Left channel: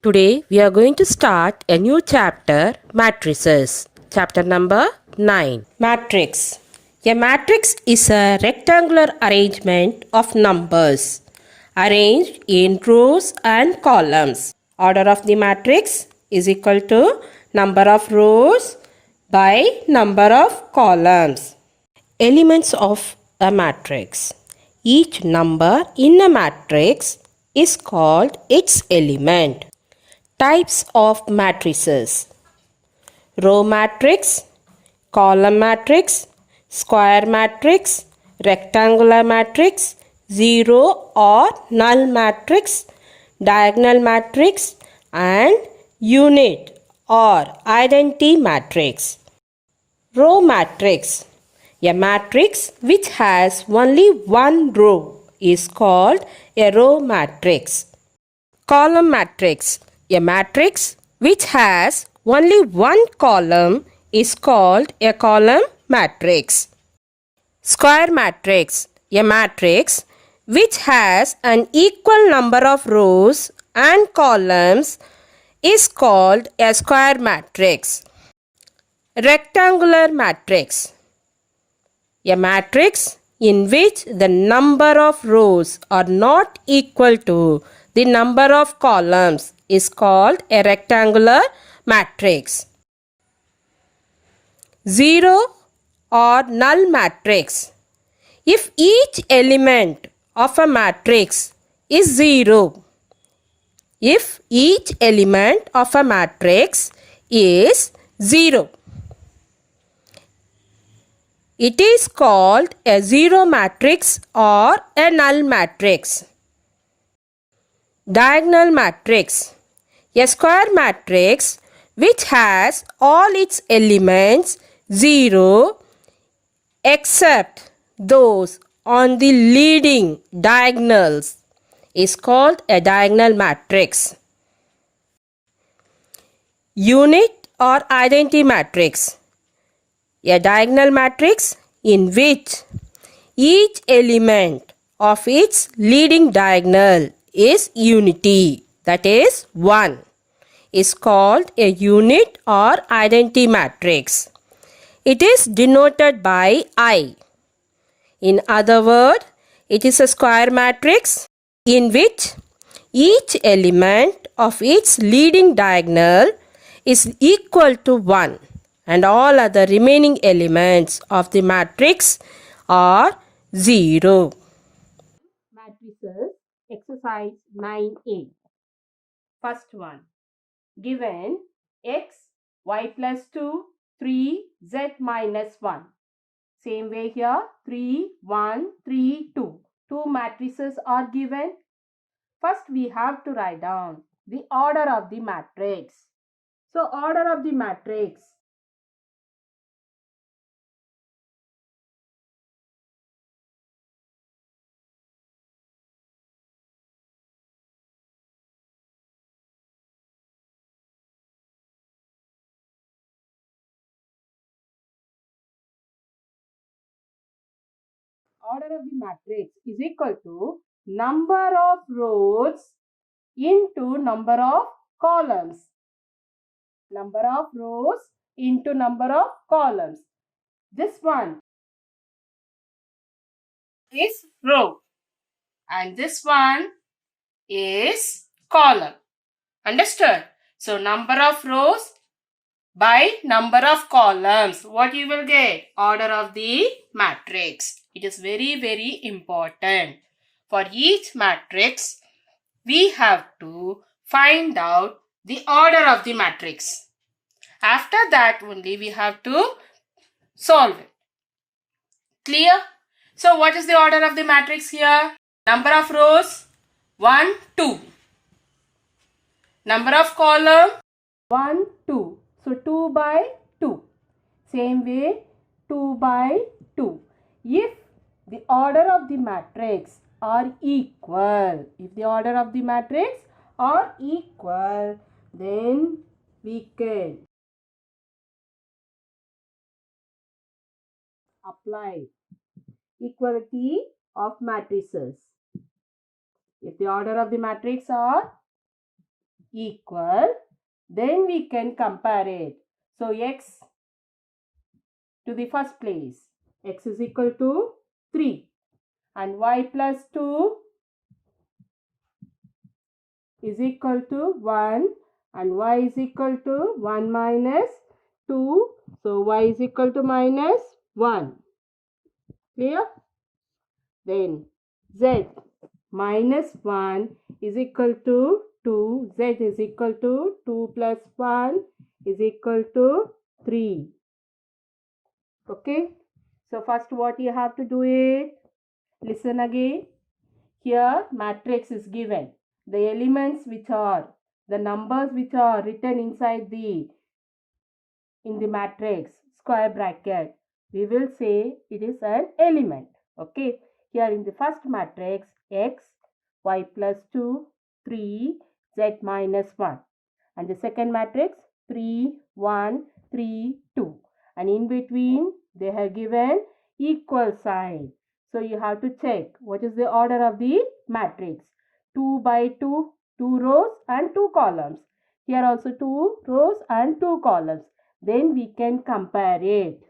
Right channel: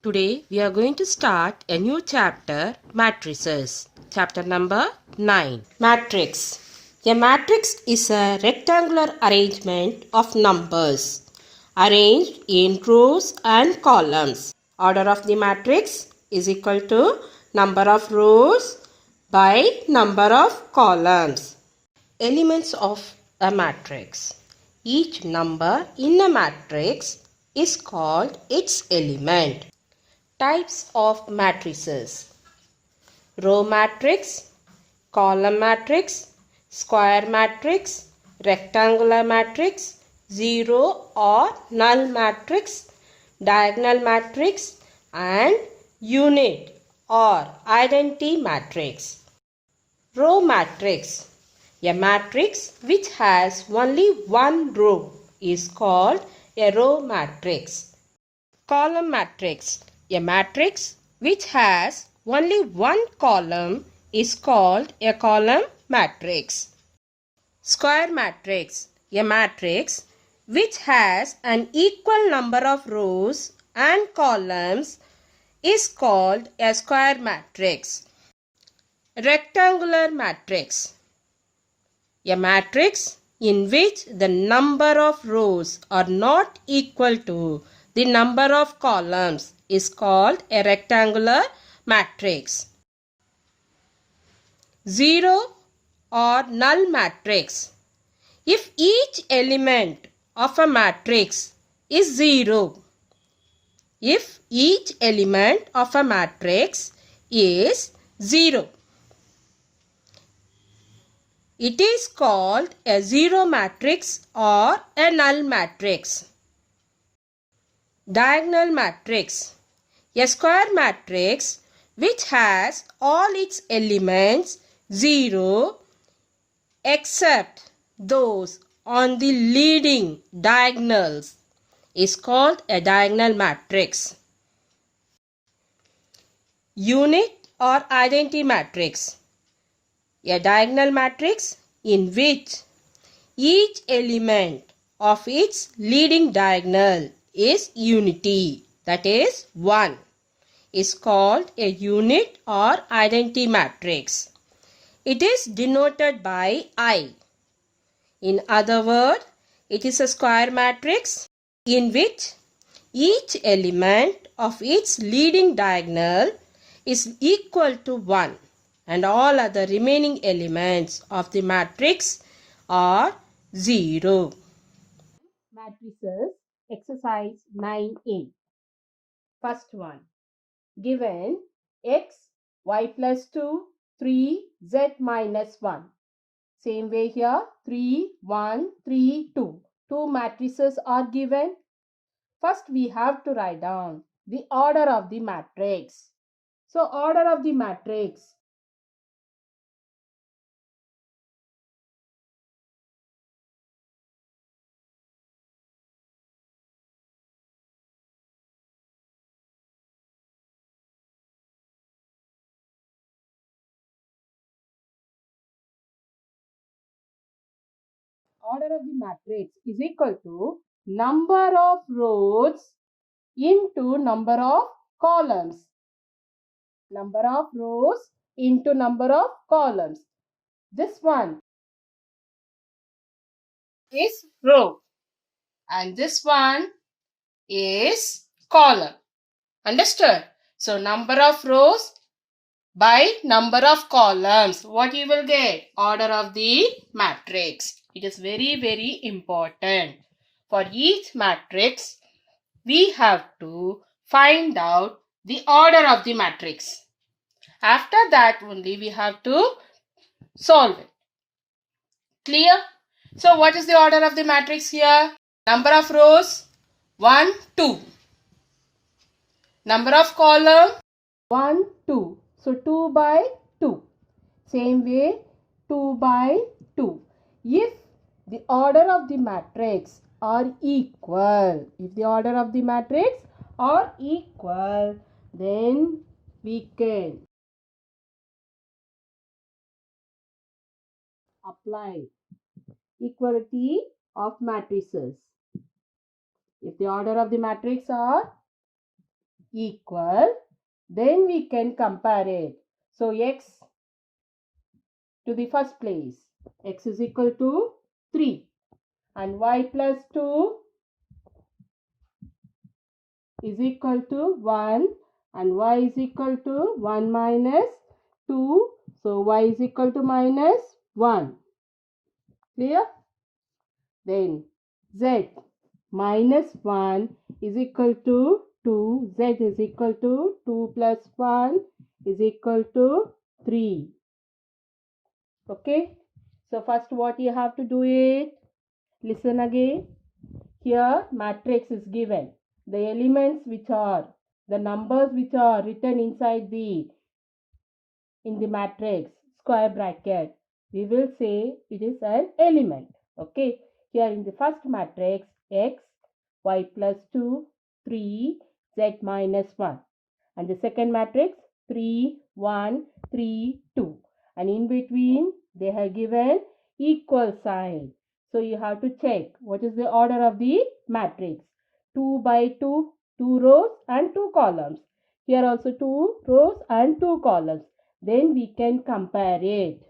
Today we are going to start a new chapter, matrices. Chapter number 9. Matrix. A matrix is a rectangular arrangement of numbers arranged in rows and columns. Order of the matrix is equal to number of rows by number of columns. Elements of a matrix. Each number in a matrix is called its element. Types of matrices: row matrix, column matrix, square matrix, rectangular matrix, zero or null matrix, diagonal matrix, and unit or identity matrix. Row matrix. A matrix which has only one row is called a row matrix. Column matrix. A matrix which has only one column is called a column matrix. Square matrix. A matrix which has an equal number of rows and columns is called a square matrix. Rectangular matrix. A matrix in which the number of rows are not equal to the number of columns is called a rectangular matrix. Zero or null matrix. If each element of a matrix is zero, if each element of a matrix is zero, it is called a zero matrix or a null matrix. Diagonal matrix. A square matrix which has all its elements 0 except those on the leading diagonals is called a diagonal matrix. Unit or identity matrix. A diagonal matrix in which each element of its leading diagonal is unity, that is 1, is called a unit or identity matrix. It is denoted by I. In other words, it is a square matrix in which each element of its leading diagonal is equal to 1 and all other remaining elements of the matrix are 0. Matrices, exercise 9A. First one. Given x, y plus 2, 3, z minus 1. Same way here, 3, 1, 3, 2. Two matrices are given. First we have to write down the order of the matrix. So order of the matrix. Order of the matrix is equal to number of rows into number of columns. Number of rows into number of columns. This one is row and this one is column. Understood? So number of rows by number of columns. What you will get? Order of the matrix. It is very important. For each matrix, we have to find out the order of the matrix. After that only we have to solve it. Clear? So what is the order of the matrix here? Number of rows 1, 2. Number of column 1, 2. So 2 by 2. Same way 2 by 2. If the order of the matrix are equal, then we can apply equality of matrices. If the order of the matrix are equal, then we can compare it. So x to the first place, x is equal to 3 and y plus 2 is equal to 1 and y is equal to 1 minus 2. So y is equal to minus 1. Clear? Then z minus 1 is equal to 2. Z is equal to 2 plus 1 is equal to 3. Okay. So first what you have to do is, listen again. Here matrix is given. The elements which are, the numbers which are written inside in the matrix square bracket, we will say it is an element. Okay. Here in the first matrix, x, y plus 2, 3, z minus 1. And the second matrix, 3, 1, 3, 2. And in between, they have given equal sign. So you have to check what is the order of the matrix. 2 by 2, 2 rows and 2 columns. Here also 2 rows and 2 columns. Then we can compare it.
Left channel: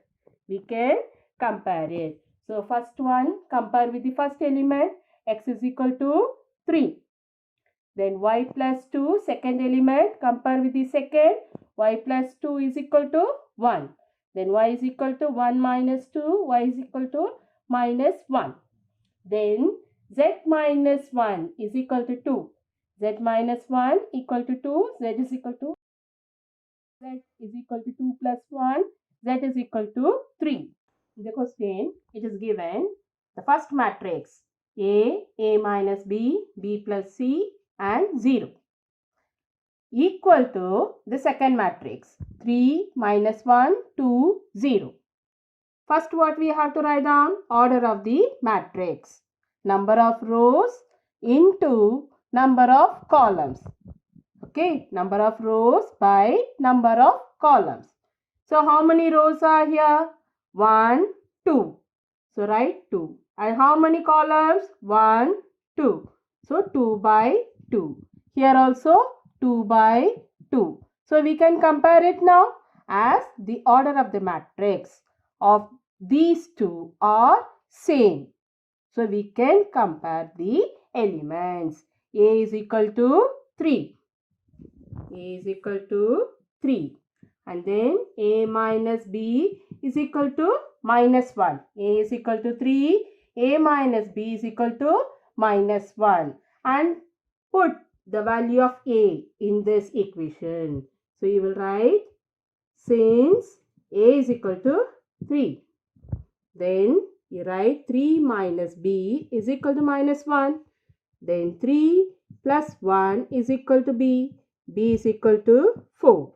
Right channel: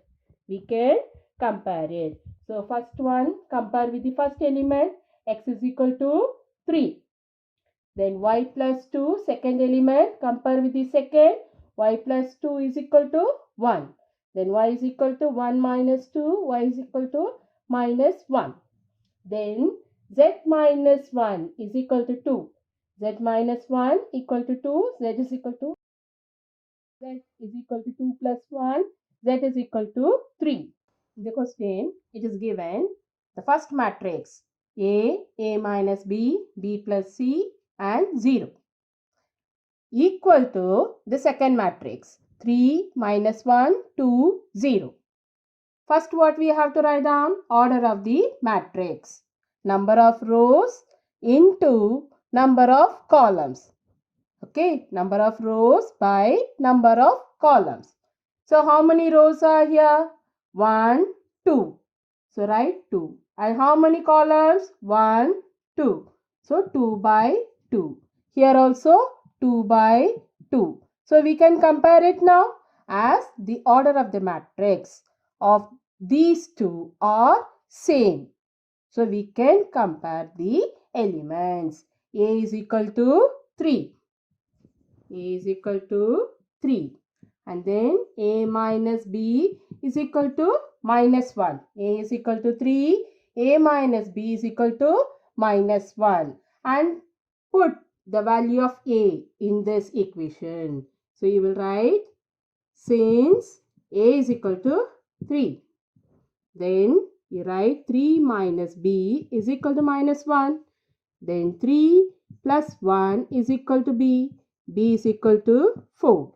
So first one, compare with the first element, x is equal to 3. Then y plus 2, second element, compare with the second, y plus 2 is equal to 1. Then y is equal to 1 minus 2, y is equal to minus 1. Then z minus 1 is equal to 2. Z minus 1 equal to 2, z is equal to 2 plus 1, z is equal to 3. In the question, it is given the first matrix A minus B, B plus C and 0 equal to the second matrix 3 minus 1, 2, 0. First what we have to write down? Order of the matrix. Number of rows into number of columns. Okay, number of rows by number of columns. So how many rows are here? 1, 2. So write 2. And how many columns? 1, 2. So 2 by 2. Here also 2 by 2. So we can compare it now as the order of the matrix of these two are same. So we can compare the elements. A is equal to 3. A is equal to 3. And then A minus B is equal to minus 1. A is equal to 3. A minus B is equal to minus 1. And put the value of A in this equation. So you will write, since A is equal to 3. Then you write 3 minus B is equal to minus 1. Then 3 plus 1 is equal to B. B is equal to 4.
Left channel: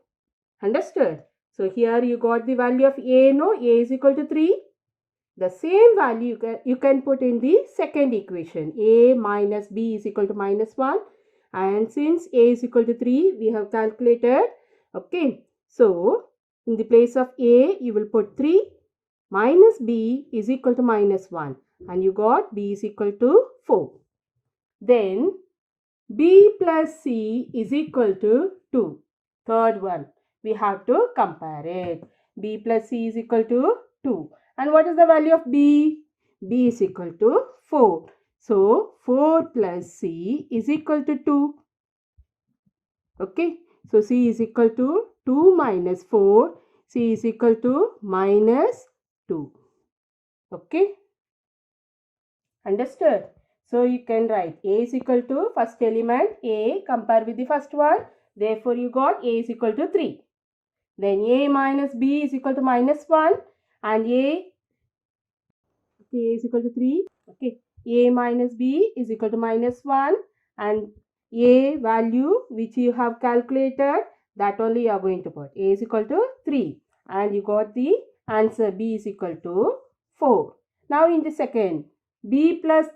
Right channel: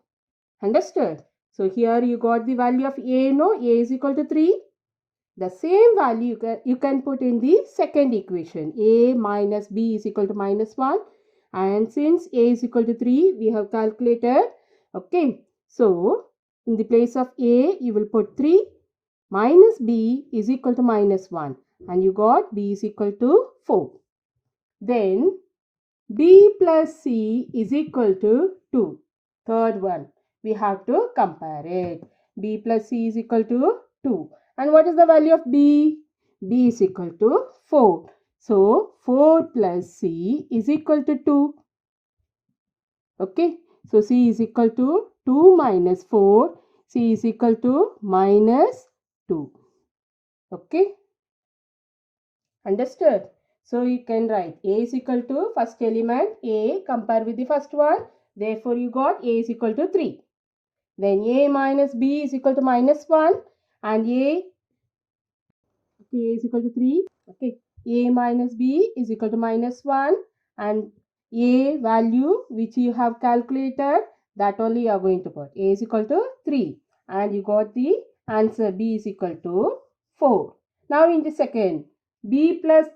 Understood? So here you got the value of A, no? A is equal to 3. The same value you can put in the second equation. A minus B is equal to minus 1. And since A is equal to 3, we have calculated. Okay. So, in the place of A, you will put 3. Minus B is equal to minus 1. And you got B is equal to 4. Then, B plus C is equal to 2. Third one, we have to compare it. B plus C is equal to 2. And what is the value of B? B is equal to 4. So, 4 plus C is equal to 2. Okay. So, C is equal to 2 minus 4. C is equal to minus 2. Okay. Understood? So, you can write A is equal to first element A, compare with the first one. Therefore, you got A is equal to 3. Then A minus B is equal to minus 1. And A is equal to 3. Okay. A minus B is equal to minus 1. And A value which you have calculated, that only you are going to put. A is equal to 3. And you got the answer B is equal to 4. Now in the second, B plus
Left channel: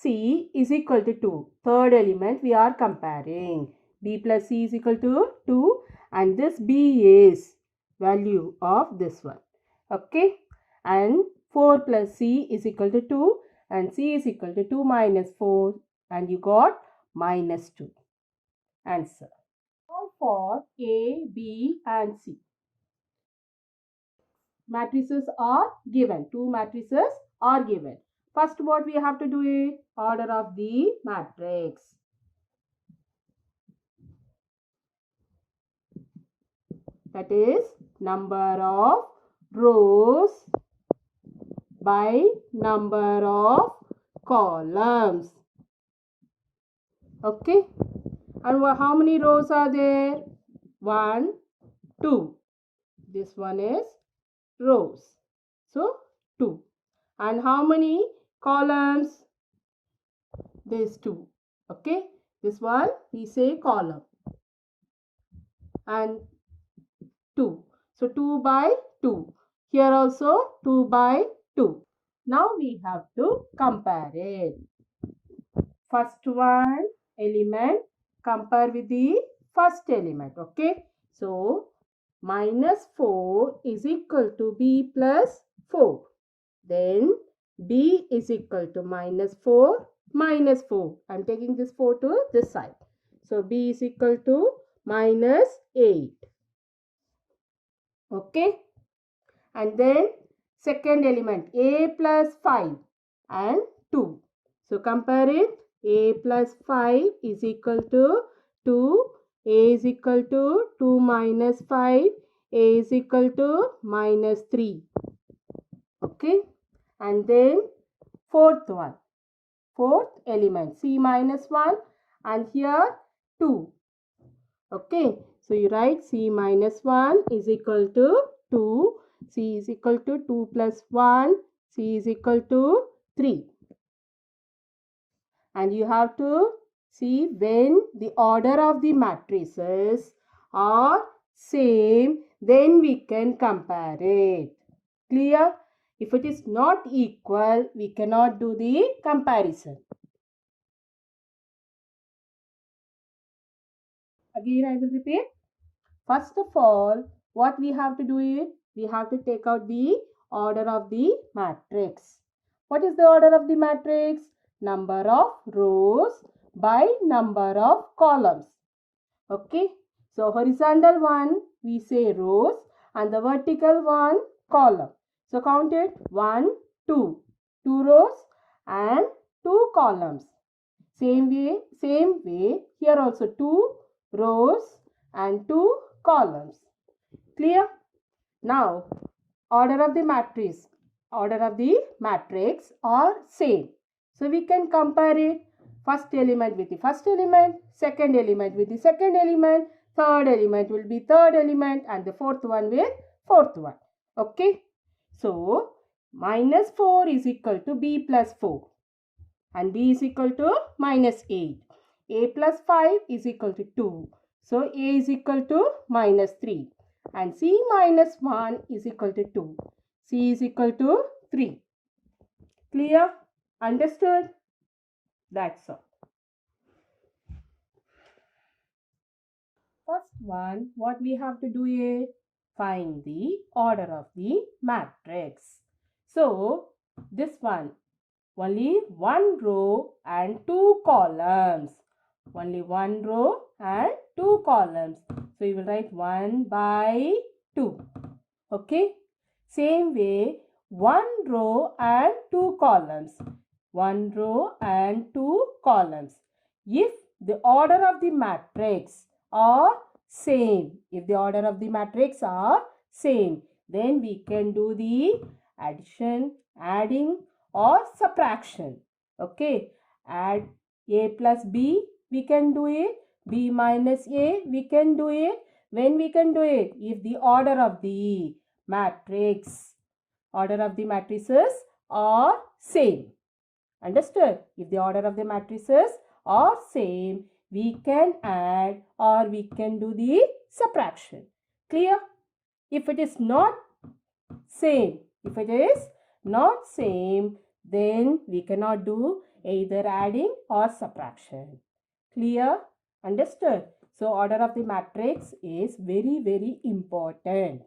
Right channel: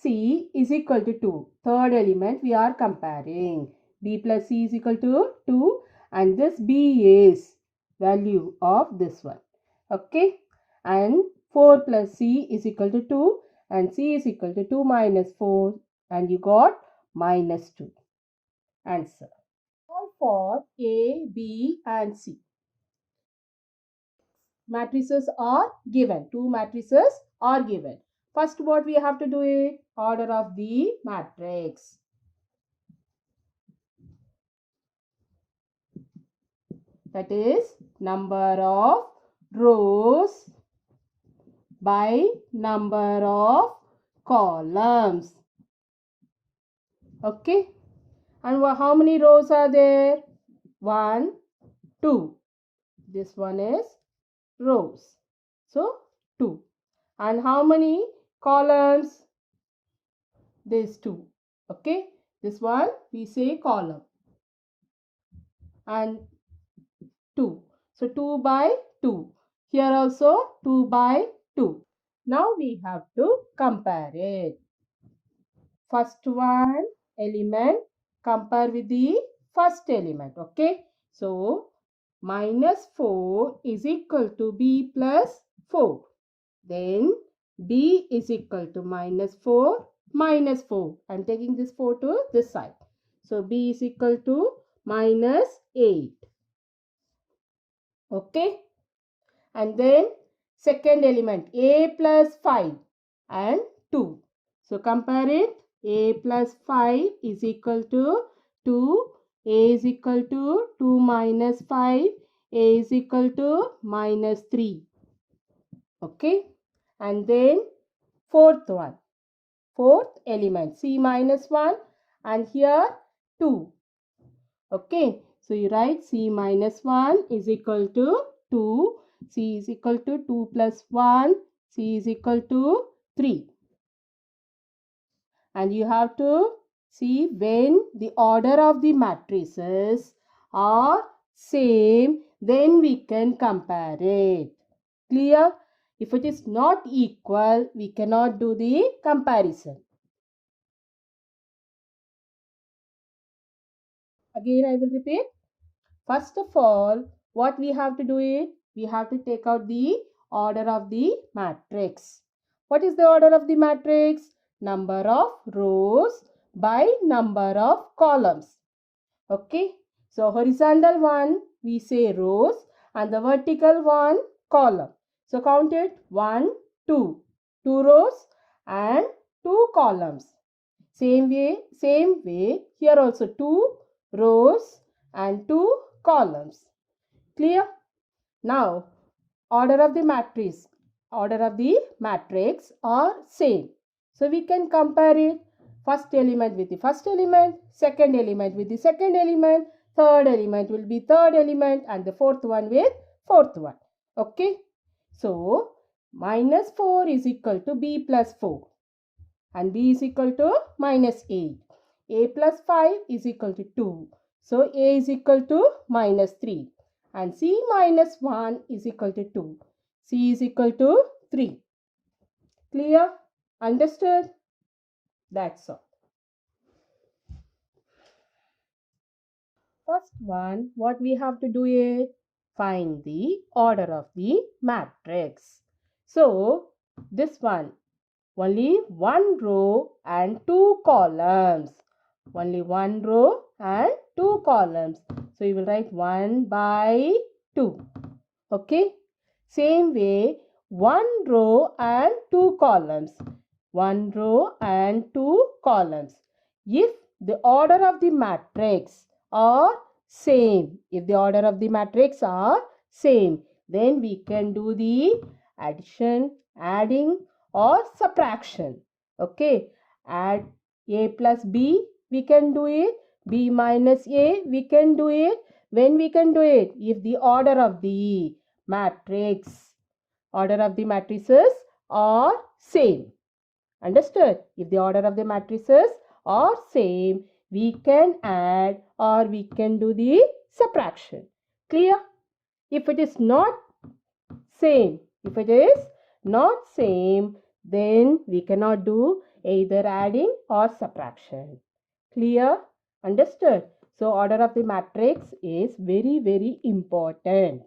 C is equal to 2. Third element we are comparing. B plus C is equal to 2. And this B is value of this one. Okay. And 4 plus C is equal to 2. And C is equal to 2 minus 4. And you got minus 2. Answer. for A, B and C. Matrices are given. Two matrices are given. First, what we have to do is order of the matrix. That is number of rows by number of columns. Okay. And how many rows are there? 1, 2. This one is rows. So 2. And how many columns? These 2. Okay. This one we say column. And 2. So 2 by 2. Here also 2 by 2. Now we have to compare it. First one element compare with the first element. Okay. So minus 4 is equal to B plus 4. Then B is equal to minus 4 minus 4. I am taking this 4 to this side. So B is equal to minus 8. Okay. And then second element A plus 5 and 2. So compare it. A plus 5 is equal to 2. A is equal to 2 minus 5. A is equal to minus 3. Okay. And then fourth one. Fourth element C minus 1 and here 2. Okay. So you write C minus 1 is equal to 2. C is equal to 2 plus 1. C is equal to 3. And you have to see when the order of the matrices are same, then we can compare it. Clear? If it is not equal, we cannot do the comparison. Again, I will repeat. First of all, what we have to do is, we have to take out the order of the matrix. What is the order of the matrix? Number of rows by number of columns. Okay. So horizontal one we say rows and the vertical one column. So count it 1, 2. 2 rows and 2 columns. Same way here also 2 rows and 2 columns. Clear? Now order of the matrix are same. So we can compare it. First element with the first element, second element with the second element, third element will be third element and the fourth one with fourth one. Okay. So minus 4 is equal to B plus 4 and B is equal to minus 8. A plus 5 is equal to 2. So A is equal to minus 3 and C minus 1 is equal to 2. C is equal to 3. Clear? Understood? That's all. First one, what we have to do is find the order of the matrix. So, this one, only one row and 2 columns. Only one row and 2 columns. So, you will write 1 by 2. Okay. Same way, 1 row and 2 columns. 1 row and 2 columns. If the order of the matrix are same, then we can do the addition, adding or subtraction. Okay. Add A plus B, we can do it. B minus A, we can do it. When we can do it? If the order of the matrices are same. Understood? If the order of the matrices are same, we can add or we can do the subtraction. Clear? If it is not same, then we cannot do either adding or subtraction. Clear? Understood? So order of the matrix is very, very important.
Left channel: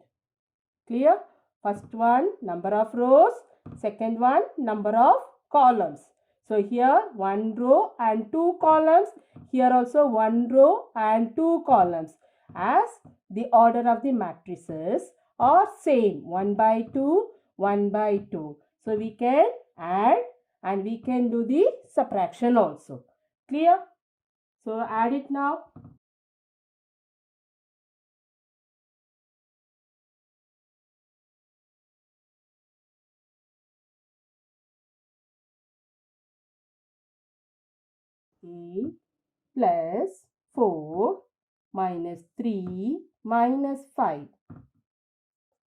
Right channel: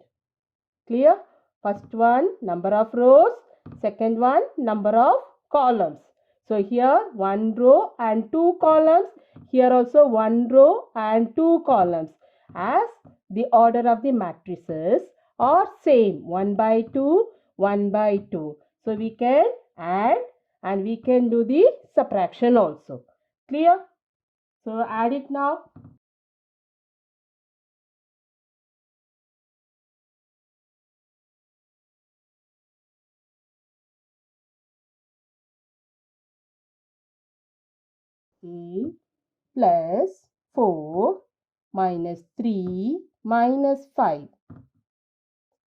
Clear? First one, number of rows. Second one, number of columns. So here 1 row and 2 columns. Here also 1 row and 2 columns. as the order of the matrices are same, 1 by 2, 1 by 2. So we can add and we can do the subtraction also. Clear? So add it now. Eight plus 4 minus 3 minus 5.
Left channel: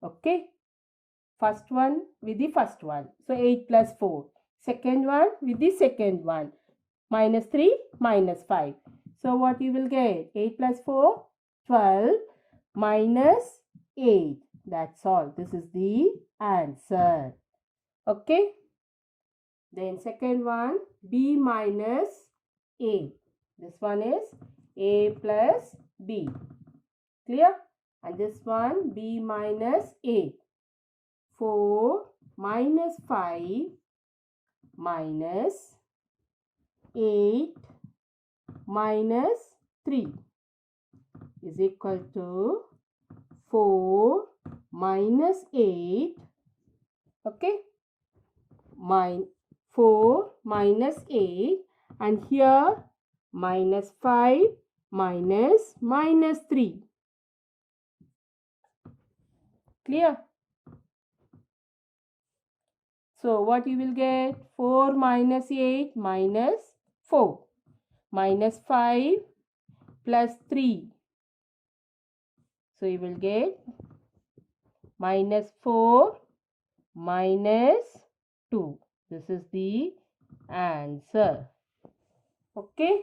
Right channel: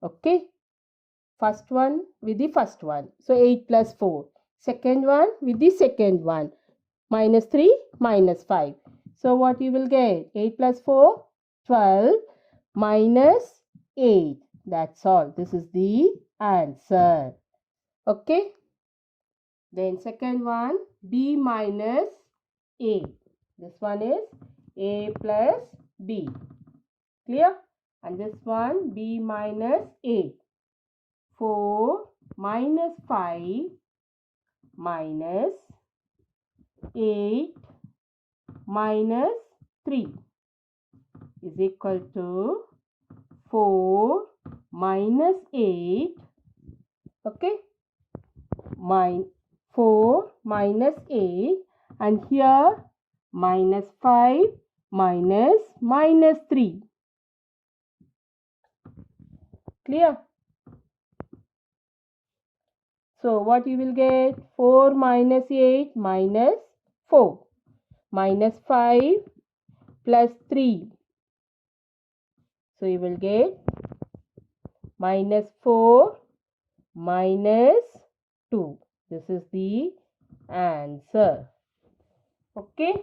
Okay. First one with the first one. So 8 plus 4. Second one with the second one. Minus 3 minus 5. So what you will get? 8 plus 4, 12 minus 8. That's all. This is the answer. Okay. Then second one, B minus A. This one is A plus B. Clear? And this one, B minus A. 4 minus 5 minus 8 minus 3 is equal to 4 minus 8. Okay. 4 minus 8 and here minus 5 minus 3. Clear? So what you will get? 4 minus 8 minus 4 minus 5 plus 3. So you will get minus 4 minus 2. This is the answer. Okay.